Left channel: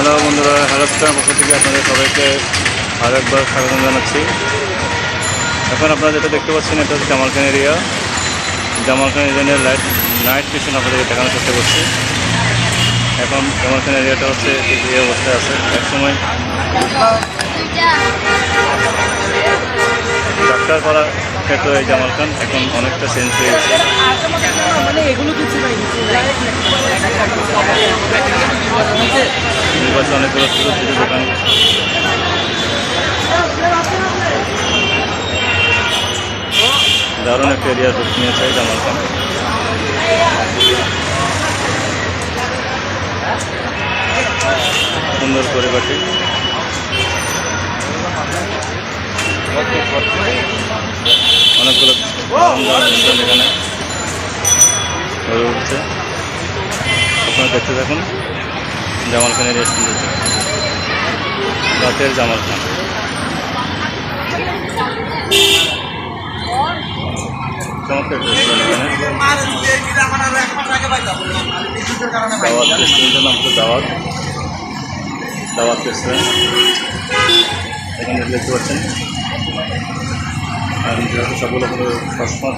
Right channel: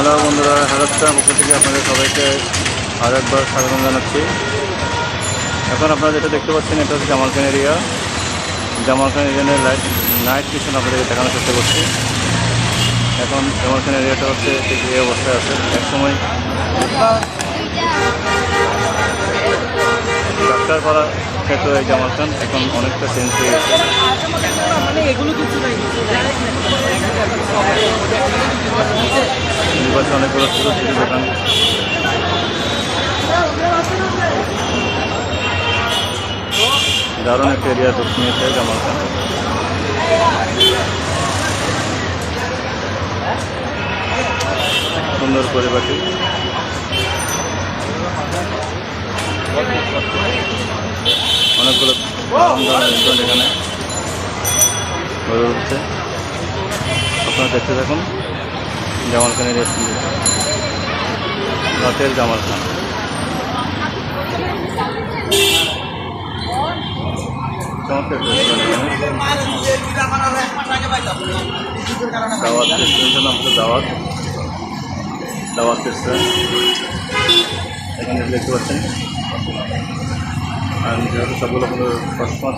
Hello বন্ধুরা হ্যালোস্টার পক্ষ থেকে আপনাদের সবাইকে। আর একবার স্বাগতম জানাচ্ছি। এখন আপনারা যেটা দেখতে পাচ্ছেন, এটা হচ্ছে জামালখান এরিয়া জামালখান এরিয়ানের লাইট নাইট মিশন আপনাদেরকে দেখানোর চেষ্টা করছি। এখন জামালখান এরিয়াটা হচ্ছে ঠিক এই অবস্থায় আছে। একসময় ডাক্তার করা ক্ষেত্র এই জামাল খান এখন অনেকটা চেঞ্জ হয়ে গেছে। নির্বাচন অনেকগুলো ছোটো ছোটো দোকান। দারুণ একটা এরিয়া নিয়েছে জামাল খান। সুন্দর পরিপাটি। অনেকগুলো এখানে গড়ে উঠছে। আপনারা দেখতে থাকুন। জামাল খানের রেস্টুরেন্ট রাতের জামাল খান চমৎকার দাওয়াত রেস্টুরেন্টের নাম হচ্ছে দাওয়াত। দাওয়াত রেস্টুরেন্ট এখানে দেখতে পাচ্ছেন। আর যেহেতু সবগুলো হলো সসমত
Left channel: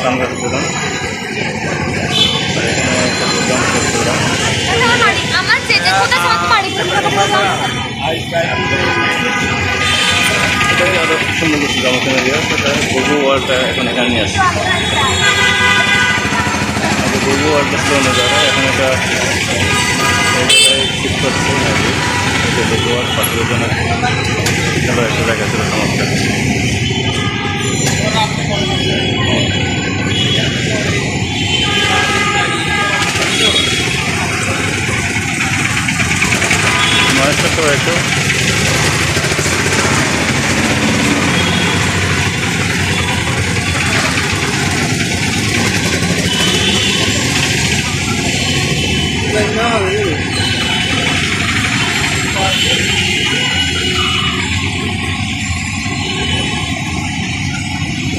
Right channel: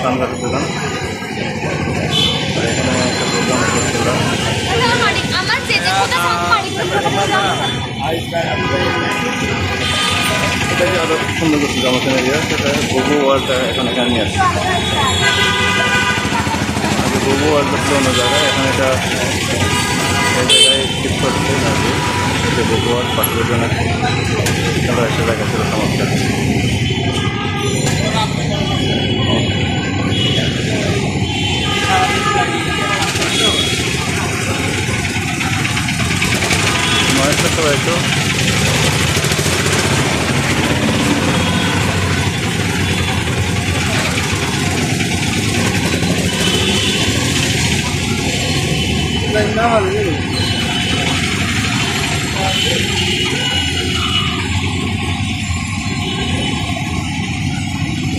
সানগ্লাসের দোকান। আর এখানে একটা প্রোগ্রাম এটাকে আরও সুন্দর করছে জামাখান এরিয়া সেটা বহু ওয়ার্ল্ডটা এখন এখানে নিয়ে আসছে। আগে বহু ছিল অন্য জায়গায় এখন এটা এই জায়গায় শিফট করছে যে বহু ওয়ার্ল্ড পাখিদের জন্য একটা জায়গা ছিল চমৎকার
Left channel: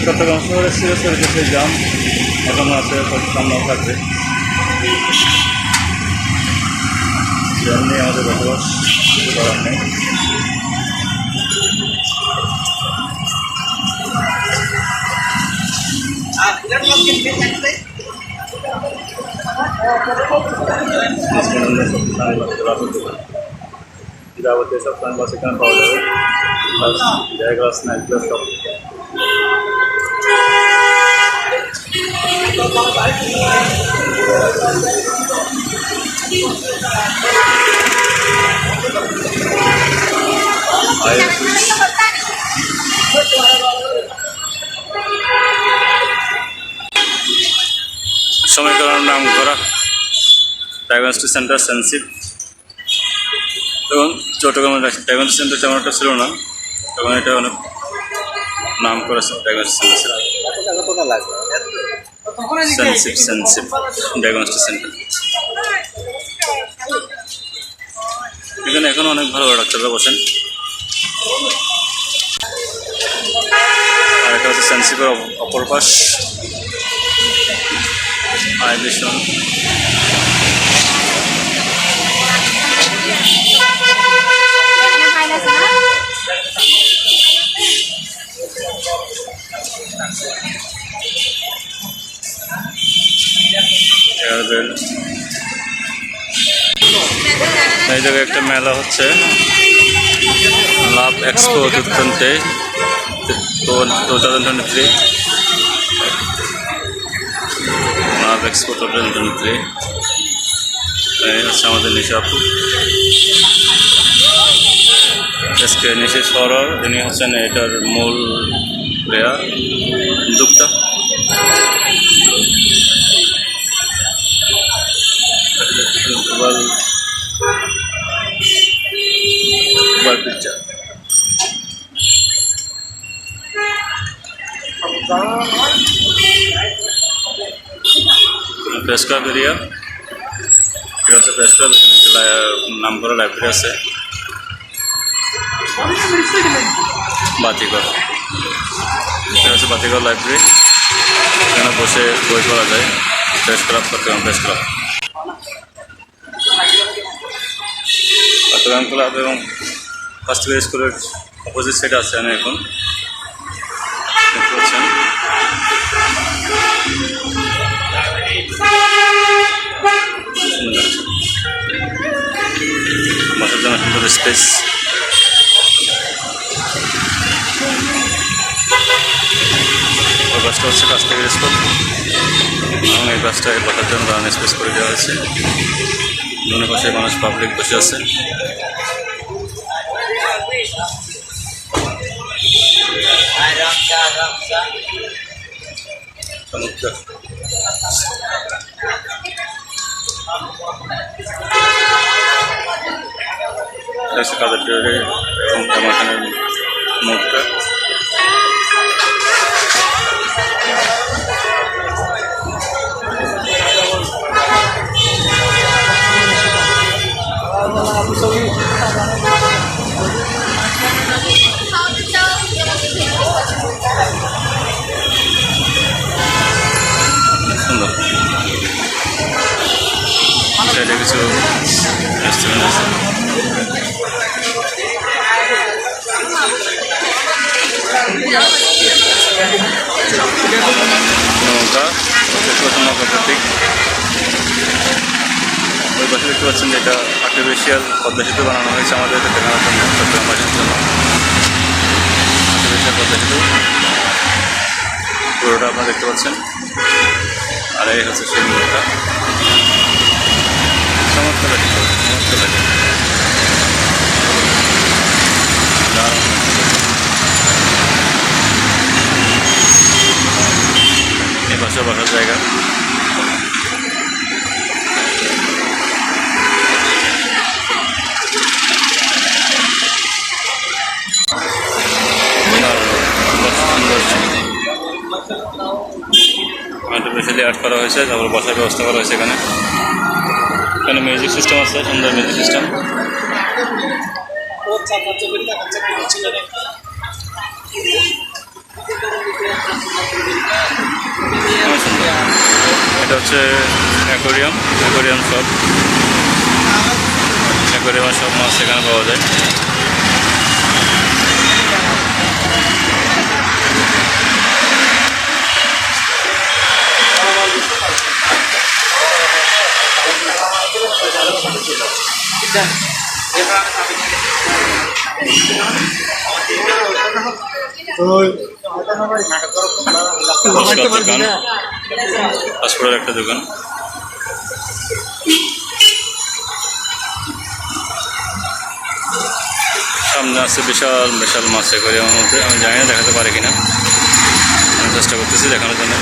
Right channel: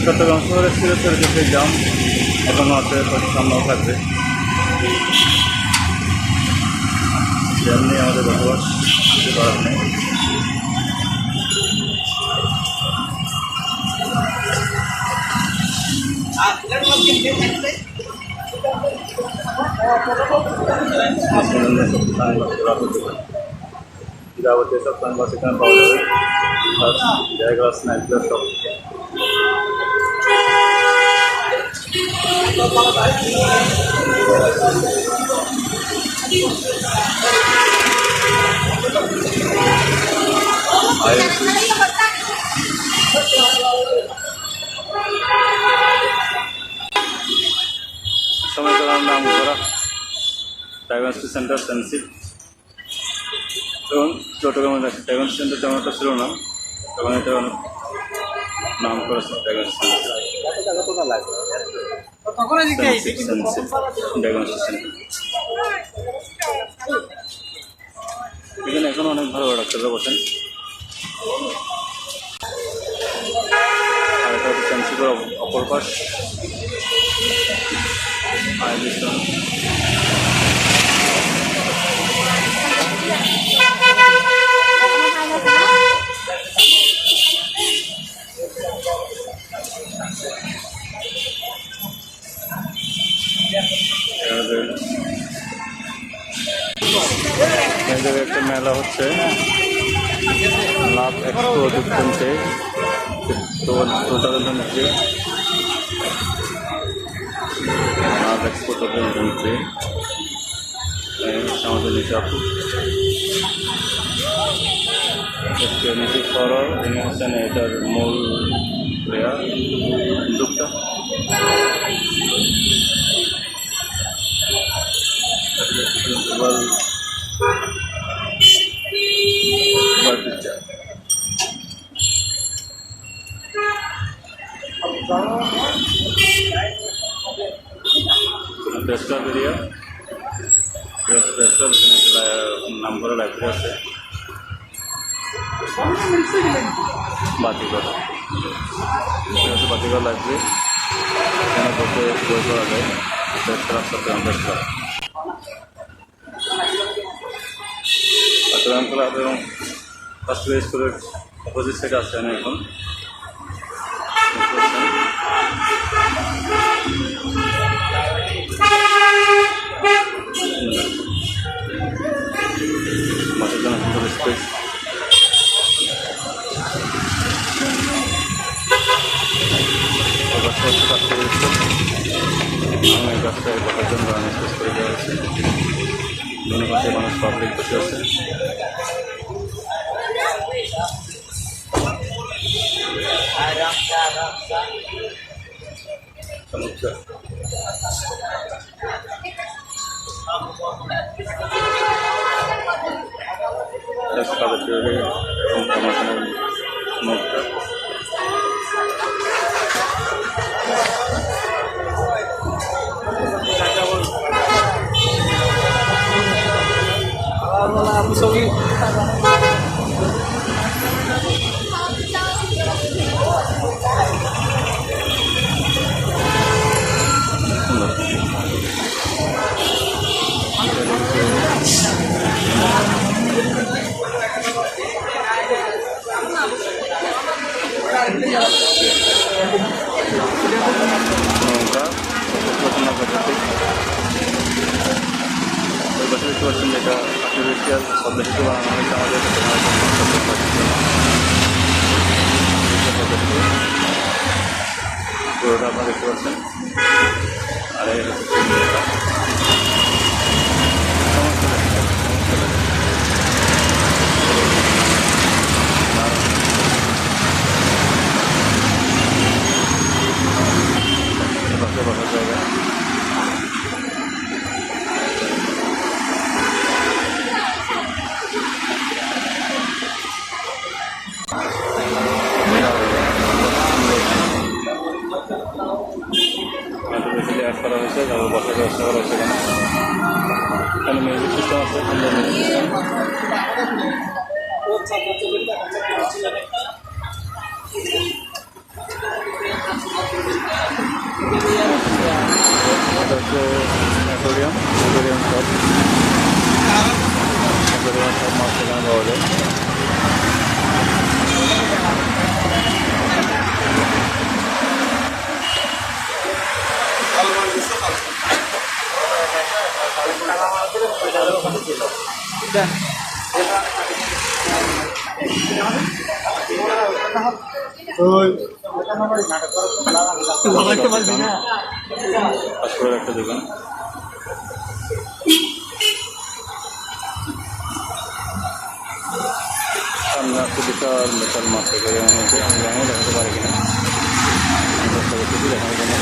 চট্টগ্রাম শহরের সিরসের কাছে জাম এখনও আছে হয়তো সামনেও থাকবে জ্যাম নিয়ে আমাদের বসবাস কিছু করার নেই মাঝখানে সব সানগ্লাস রাখা দোকান যাবতীয় সব সানগ্লাস এখানে পাওয়া যাবে প্লাস জায়গা স্ন্যাক প্লাস সব আয়ের সুইচ সমীকরণ নাম করা ডায়াগনস্টিক সেন্টার সেন্সিভ তখন চট্টগ্রামে ডায়াগনস্টিক সেন্টার তেমন একটা ছিল না তখন এটা অনেক নাম করা ডায়াগনস্টিক সেন্টার ছিল। সেন্সিভ সেন্সিভ ডায়াগনস্টিক সেন্টার এখানে অনেক ভালো ডাক্তাররা বসেন। আর এটা হচ্ছে সেন্সিপের অপর পাশ। আয় ভীষণ জায়গায় একটা মেলা হচ্ছে। Love expo two thousand twenty three love expo two thousand twenty three হচ্ছে আমাদের নিশাপু এসকে নিশি সরর ইনি হচ্ছেন এটার মূল প্লেয়ার দুপ্তা এটা হচ্ছে প্রেস ক্লাব এখানে একটা লাইব্রেরি আছে। বাতিঘর। এটা হচ্ছে বাতিঘর লাইব্রেরি। এখানে বসে বই পড়া যায়। Press club Chittagong press club Salam club এবং কাস্টমার স্কুলের অপোজিট সাইডে আছে আমি এখন। দেখতে পাচ্ছেন। সুন্দর লাগছে। বসার জন্য সুন্দর স্পেস ওই বাসটা হচ্ছে কাস্টমার স্কুল এবং এই বাসটায় বসার জন্য দাঁড়ানো স্পেস করে দেওয়া হয়েছে দুনো পাশে মানুষ পাবলিক বসে আছে চমৎকার কাদের টিউরি এবং জামাখানের মুখটা সুন্দর নৌকা দেখতে পাচ্ছেন নৌকা প্রতীক। ওই পাশে দেখতে পাচ্ছেন যেটা আর্টিফিশিয়াল পদ্মা সেতু বানানো হয়েছে আমাদের দেখানোর জন্য চট্টগ্রামবাসীর জন্য। আর্টিফিশিয়াল পদ্মা সেতু। পুরোটা আপনারা দেখতে পাচ্ছেন। আর এই হচ্ছে সেই নৌকা। চমৎকার লাগে চমৎকার লাগে দারুণ। পাশে বসার জায়গা। আর্টিফিশিয়ালি অ্যাড করা হয়েছে, তারপর বসার ব্যবস্থা করা হয়েছে এখানে। এখানে মিউজিক সিস্টেম আছে, সুন্দর মিউজিক সিস্টেম এটা হচ্ছে অ্যাকোরিয়াম অ্যাকোরিয়াম শপ। অ্যাকোরিয়ামের সব মাছ এখানে পাওয়া যায়। ফুচকার দোকান পাসপোর্টের একটা দোকান সামনে আছে বিশাল বিশাল মাছ অ্যাকোরিয়ামের মধ্যে আমি জানি না দেখাতে পারি কিনা আমি চেষ্টা করতেছি দেখানোর জন্য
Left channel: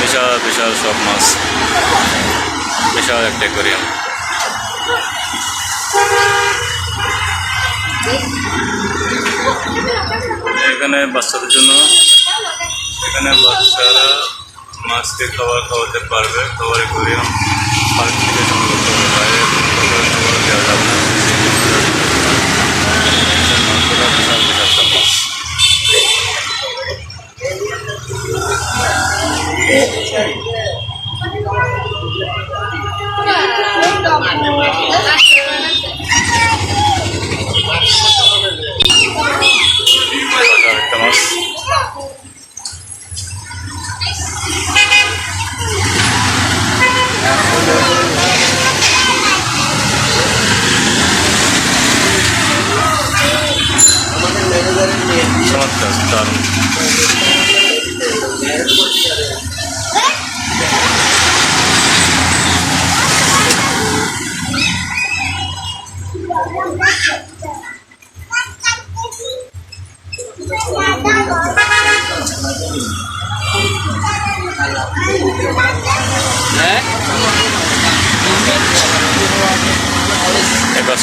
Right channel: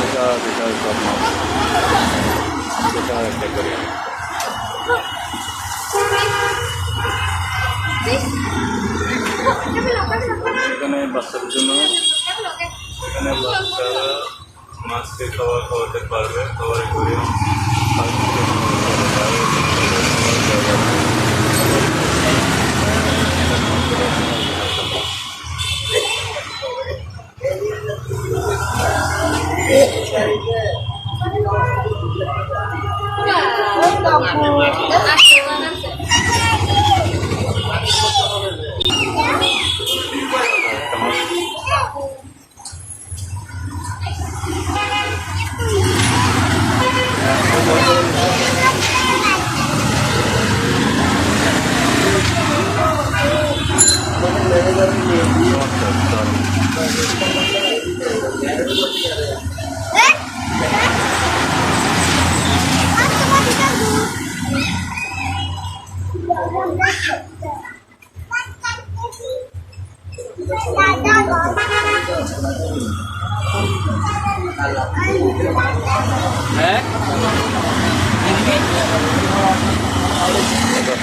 বিশাল বিশাল সব মাছ বিশাল একটা অ্যাকোরিয়াম এখানে বাচ্চাদের জন্য এখানে বাচ্চারা মাছকে খাবার খাওয়াতে পারবে। খাবার অ্যাকোরিয়াম পার্ক থেকে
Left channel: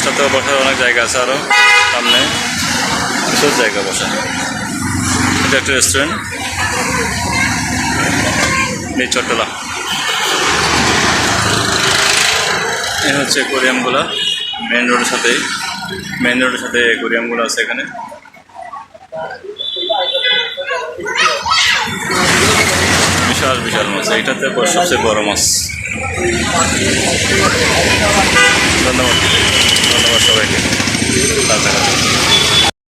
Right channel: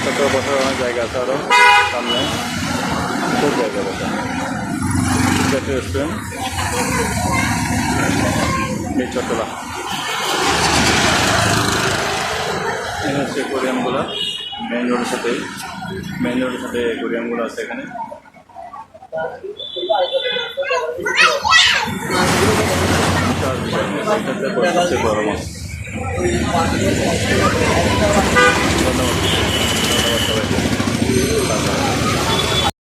এই বসার অনেক জায়গা আছে আরও সামনে। প্রচুর জায়গা বসা। এটা একটা রেস্টুরেন্ট এই চট্টলা। এই হচ্ছে অ্যাকোরিয়ামগুলো মেন রোডের সাথেই। মেন রোডের সাথে অ্যাকোরিয়ামগুলো আছে এখানে। বিশাল বিশাল মাছ। এইটাতে সবচেয়ে বড় মাছ। ধন্যবাদ। ধন্যবাদ সবাইকে।